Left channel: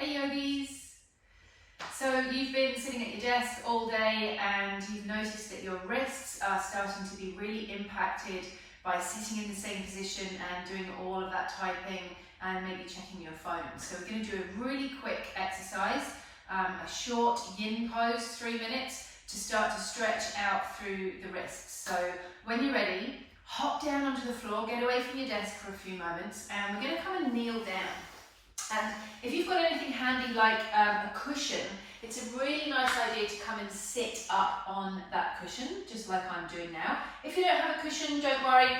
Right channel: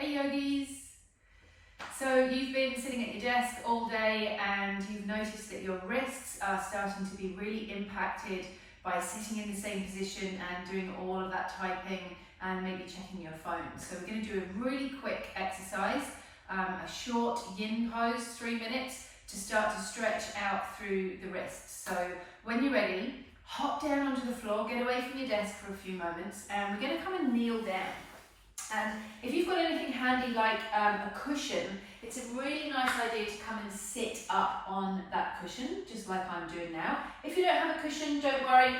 Hey yogis! So you've been sitting at your desk all day and you've noticed that your wrists are starting to be really impacted by sitting in the same position and doing all of that typing and maybe checking your phone. So we're going to do a really quick exercise, a short yin pose, 3 minutes, to start to stretch out through the wrists. So when you're ready, hop down onto the floor, get away from your desk for a few moments, and we're going to come and kneel down. And if you've got anything handy like a cushion, it's a really nice idea to come and sit up on that cushion, just like I'm doing now. If you don't have a cushion, don't worry.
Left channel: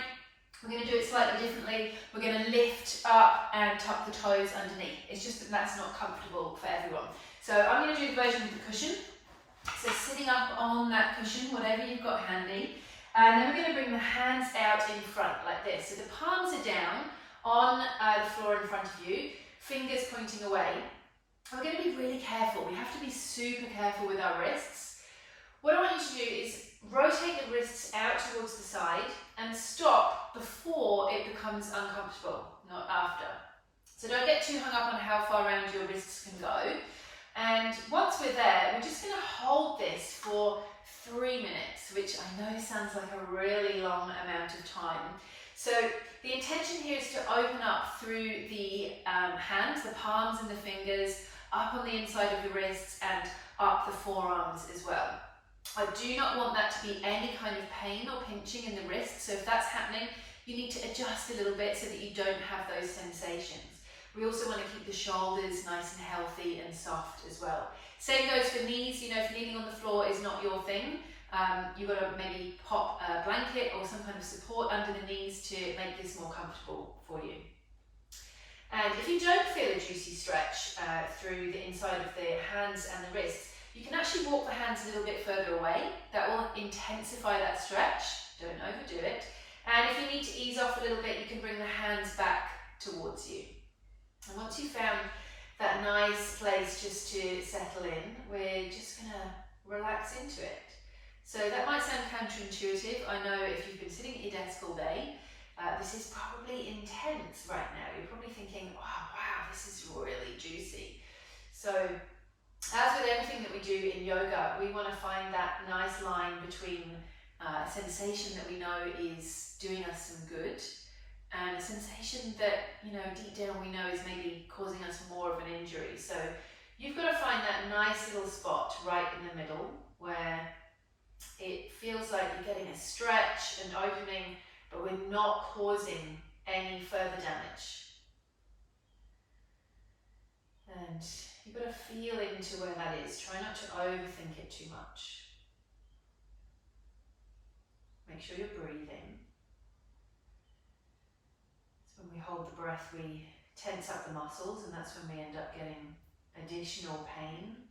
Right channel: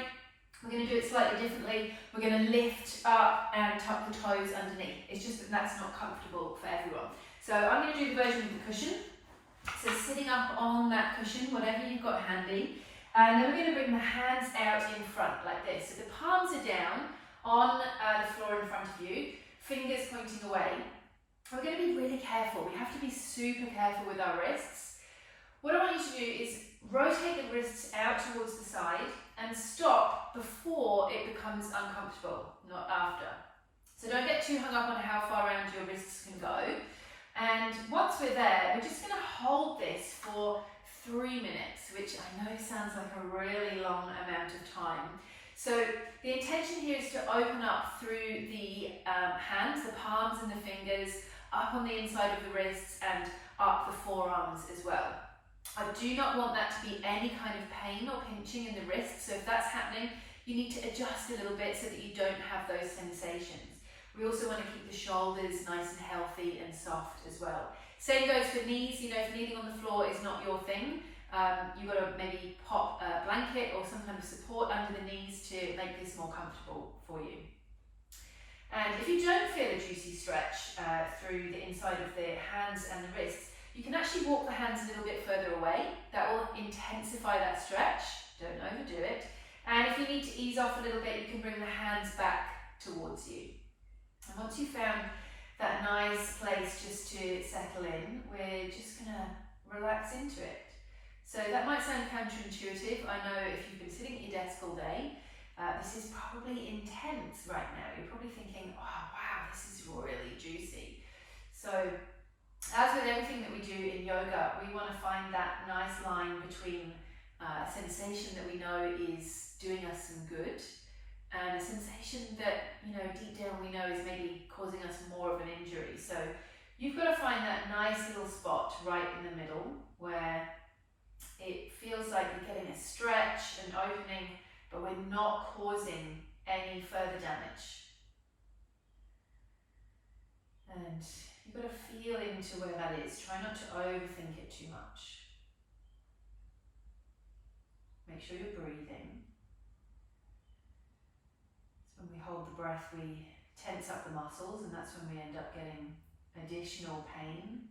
We're going to do it slightly differently. We're going to lift up and tuck the toes underneath. It's just that that's not comfortable for everyone. So I'm going to do the version with the cushion. So sitting up on that cushion, whatever you've got handy. And then we're going to bring the hands out in front like this. So the palms are down on the floor in front of you. Fingers pointing away. We're going to be really careful. We have to be super careful with our wrists. What I want you to do is rotate the wrists out towards the side and stop before it becomes uncomfortable, not after. So don't get too hung up on how far around your wrists can go. And once we're there, we're just going to hold this for 3 minutes, which I know sounds like a really long amount of time. So the intention here is to open up through the hands, the palms and the fingers, up on the inside of the wrists and up the forearms as well. I do not want that to be any kind of pain or pinching in the wrists, so if that's happening, you need to adjust a little bit so that you don't have those sensations. We also want to keep the shoulders nice and healthy and soft as well. Same goes for knees. You know, if kneeling on the floor is not your thing, you've got to maybe pop a blanket or some kind of support under the knees to make this more comfortable for you. And if you don't feel a juicy stretch through the inside of the hands and the wrists, you can actually walk the hands a little bit further away. That will intensify that stretch. Don't overdo it. And if you need to ease off a little bit, you can bring the hands back towards you. And once you've found that nice place just to settle in, we're just going to relax into it. So that might sound counterintuitive. I know if you've been sitting at your desk all day, this is probably intense right now. You're probably thinking, oh, wow, this is really juicy. So as with everything that we do in yoga, we want to find that nice line between a sensation that we know is doing us some good and a sensation that, you know, deep down we know is maybe causing us more of an injury. So you've got to find that nice little spot right in the middle where it feels like you're getting a stretch and opening, but we're not causing any further damage. And you've got to feel into where that is. Try not to overthink it too much. Make sure you're breathing. So when we hold the breath, we tense up the muscles, and that's when we end up getting additional pain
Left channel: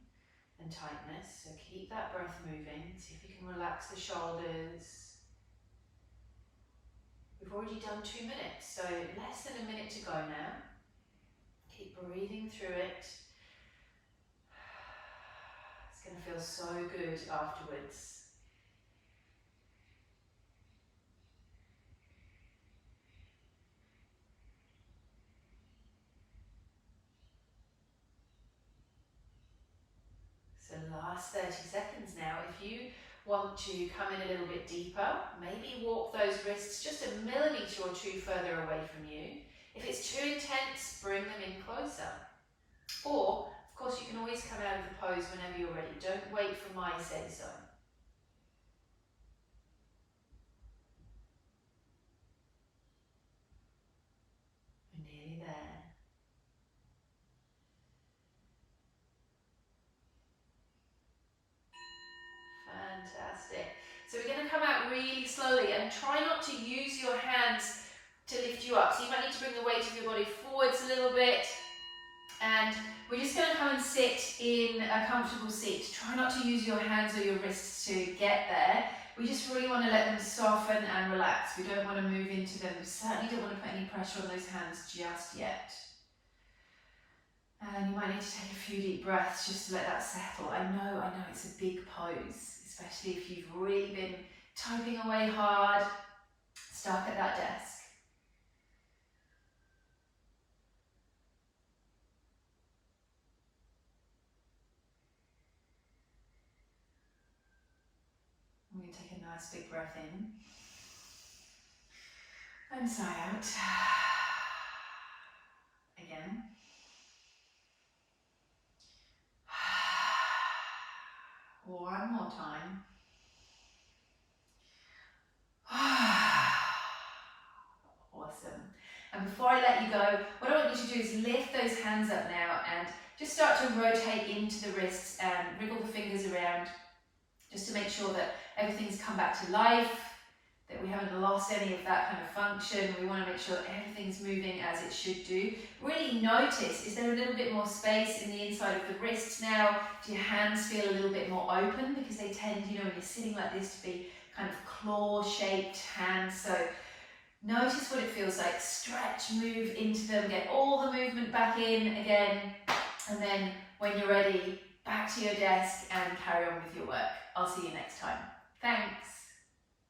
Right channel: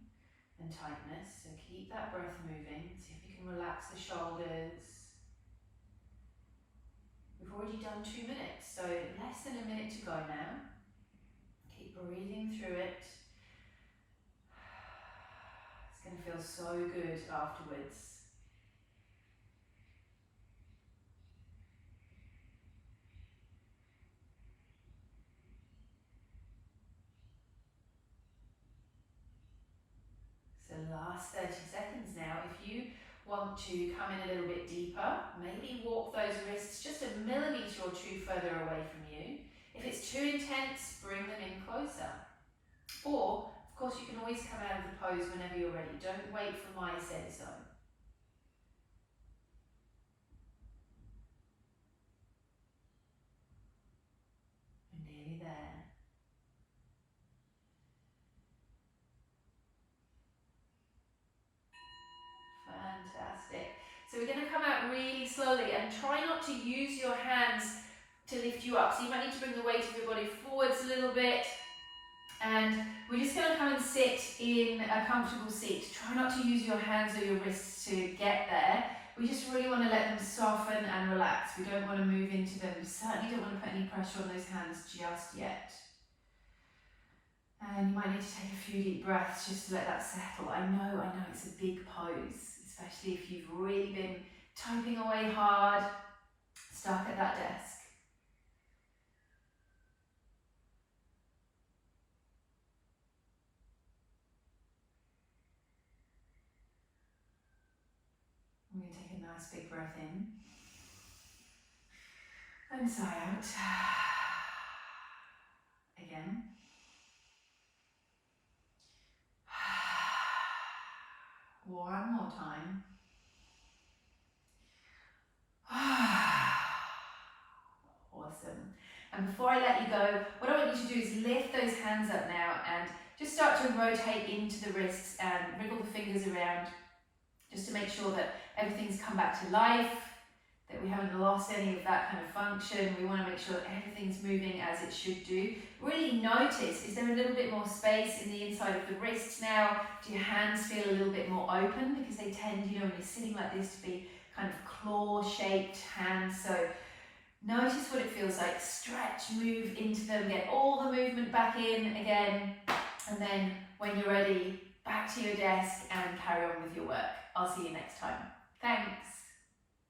and tightness. So keep that breath moving. See if you can relax the shoulders. We've already done 2 minutes, so less than a minute to go now. Keep breathing through it. It's going to feel so good afterwards. So last 30 seconds now. If you want to come in a little bit deeper, maybe walk those wrists just a millimetre or 2 further away from you. If it's too intense, bring them in closer. Or, of course, you can always come out of the pose whenever you're ready. Don't wait for my say so. We're nearly there. Fantastic. So we're going to come out really slowly and try not to use your hands to lift you up. So you might need to bring the weight of your body forwards a little bit. And we're just going to come and sit in a comfortable seat. Try not to use your hands or your wrists to get there. We just really want to let them soften and relax. We don't want to move into them. We certainly don't want to put any pressure on those hands just yet. And you might need to take a few deep breaths just to let that settle. I know it's a big pose, especially if you've really been typing away hard, stuck at that desk. . Nice big breath in. And sigh out. Again. One more time. Awesome. And before I let you go, what I want you to do is lift those hands up now and just start to rotate into the wrists and wriggle the fingers around just to make sure that everything's come back to life, that we haven't lost any of that kind of function. We want to make sure that everything's moving as it should do. Really notice, is there a little bit more space in the inside of the wrists now? Do your hands feel a little bit more open? Because they tend, when you're sitting like this, to be kind of claw-shaped hands. So notice what it feels like. Stretch, move into them, get all the movement back in again. And then when you're ready, back to your desk and carry on with your work. I'll see you next time. Thanks.